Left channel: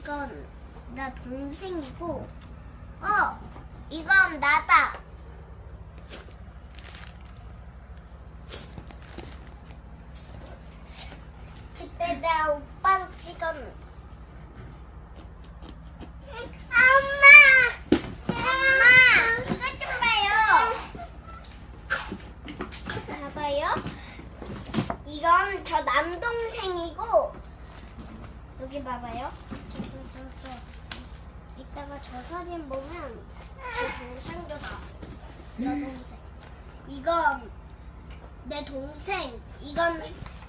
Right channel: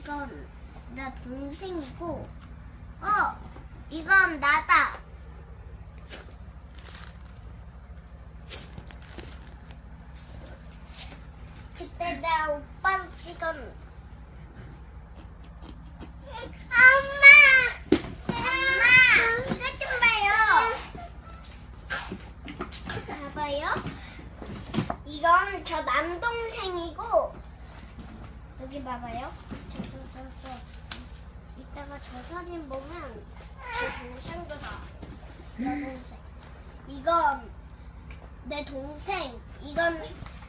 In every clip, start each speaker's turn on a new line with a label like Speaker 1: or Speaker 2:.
Speaker 1: 이건 나 동생이고, 이건 나다. 그때 나 오빠를 찍었는데. 엄마, 이것 좀 봐요. 봐봐요. 이건 저 남동생이고, 여기 봐봐요. 저. 이따가 저 사진 보면 제 동생도 나와요. 여동생. 이건 내 동생. 이건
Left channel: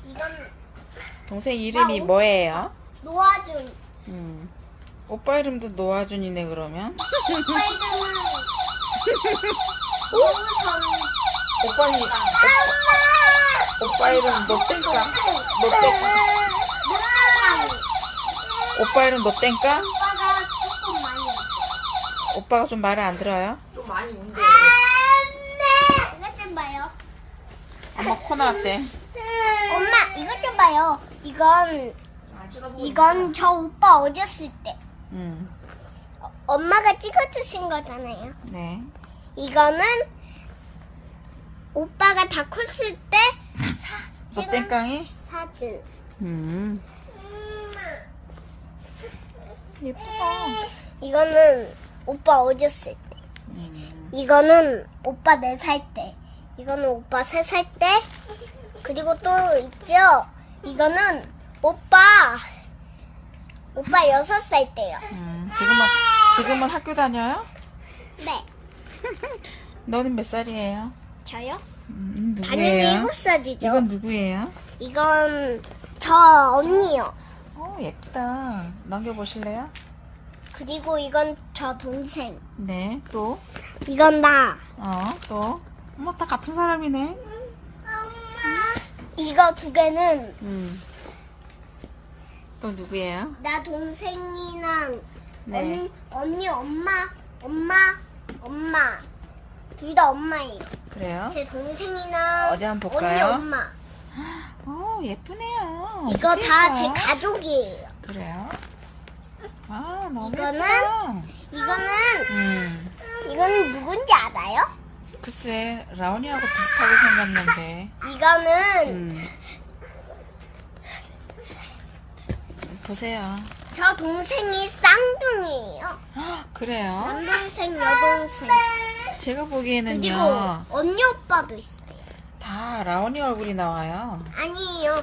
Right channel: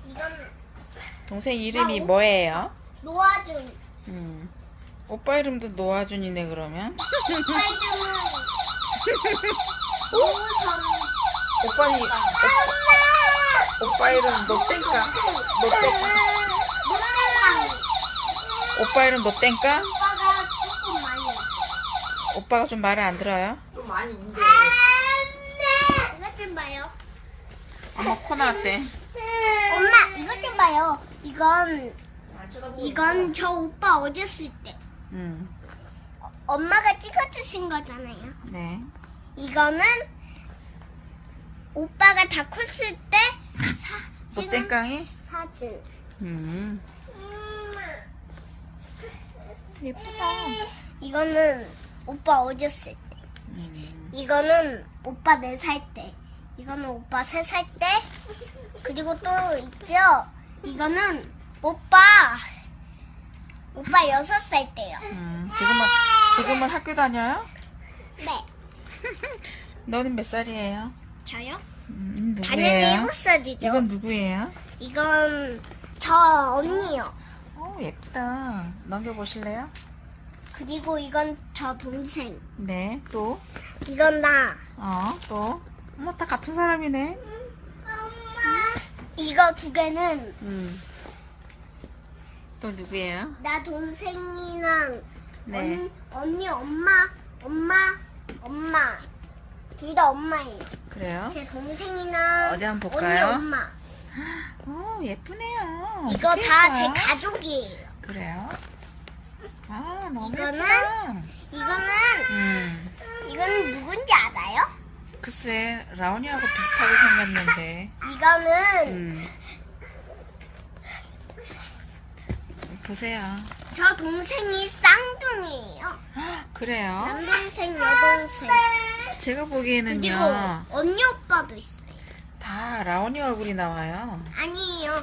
Speaker 2: 동생 이름이 뭐예요?
Speaker 1: 노아준.
Speaker 2: 오빠 이름도 노아준이네 그러면.
Speaker 1: 오빠 이름은 노선.
Speaker 2: 오빠 이름 노땡까? 오빠 이름 노땡까?
Speaker 1: 오빠가 조금 많이 해요.
Speaker 2: 오빠가 좀 말을 안 들어요?
Speaker 3: 좀 많이 운대.
Speaker 1: 이것 좀 봐요.
Speaker 2: 엄마 코 나왔대.
Speaker 1: 엄마, 이것 좀 봐요. 이건 저 오빠 어렸을 때 엄마가 찍어주신 거잖아요.
Speaker 2: 네.
Speaker 1: 이거는 오빠가 다 컸을 때 찍은
Speaker 2: 노땡깡이?
Speaker 1: 사진.
Speaker 2: 예쁘다.
Speaker 1: 이거는 오빠 어렸을 때. 이거는 오빠 4살 때. 이거는 오빠 3살 때. 그리고 또 있죠. 이거는 오빠 6살 때요.
Speaker 2: 지금은 학교 다녀요?
Speaker 1: 네.
Speaker 2: 너는 몇 살이에요?
Speaker 1: 저요?
Speaker 2: 누구예요?
Speaker 1: 당연히 7살이죠.
Speaker 2: 이건 누구예요?
Speaker 1: 이건 저 언니요.
Speaker 2: 예쁘다. 넘겨보실래요?
Speaker 1: 그리고 이건 저 동생.
Speaker 2: 네. 또?
Speaker 1: 이건 나.
Speaker 2: 또? 다 같은 사람이네.
Speaker 1: 이거 2개는
Speaker 2: 또 누구예요?
Speaker 1: 나 동생이랑
Speaker 2: 네.
Speaker 1: 언니, 엄마. 둘 다 엄마예요.
Speaker 2: 그래요?
Speaker 1: 제 동생이랑
Speaker 2: 어디 한번 볼까요?
Speaker 1: 언니, 엄마.
Speaker 2: 예쁘네요.
Speaker 1: 이거
Speaker 2: 어떻게
Speaker 1: 다 제
Speaker 2: 예뻐요?
Speaker 1: 가족이에요.
Speaker 2: 그래요? 너무
Speaker 1: 이거는-
Speaker 2: 예쁘다.
Speaker 1: 이거는 누군지 알아요?
Speaker 2: 글쎄, 라온이하고 비슷하게 생겼는데.
Speaker 1: 이거는
Speaker 2: 보세요.
Speaker 1: 저 동생이 쌍둥이에요.
Speaker 2: 그래요?
Speaker 1: 남동생, 여동생.
Speaker 2: 제가
Speaker 1: 그리고
Speaker 2: 보기에는요,
Speaker 1: 언니 오빠도 있어요.
Speaker 2: 다 라온이 얼굴이 나와요.
Speaker 1: 아니에요.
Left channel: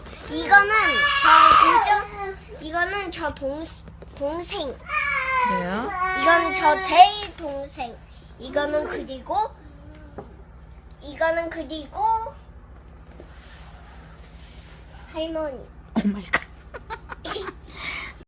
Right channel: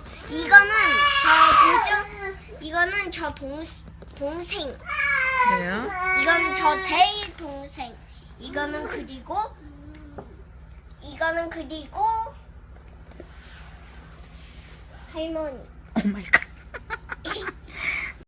Speaker 1: 이거는 저 동생.
Speaker 2: 그래요?
Speaker 1: 이건 저 대일 동생. 이거는 그리고 할머니.
Speaker 2: 오 마이 갓.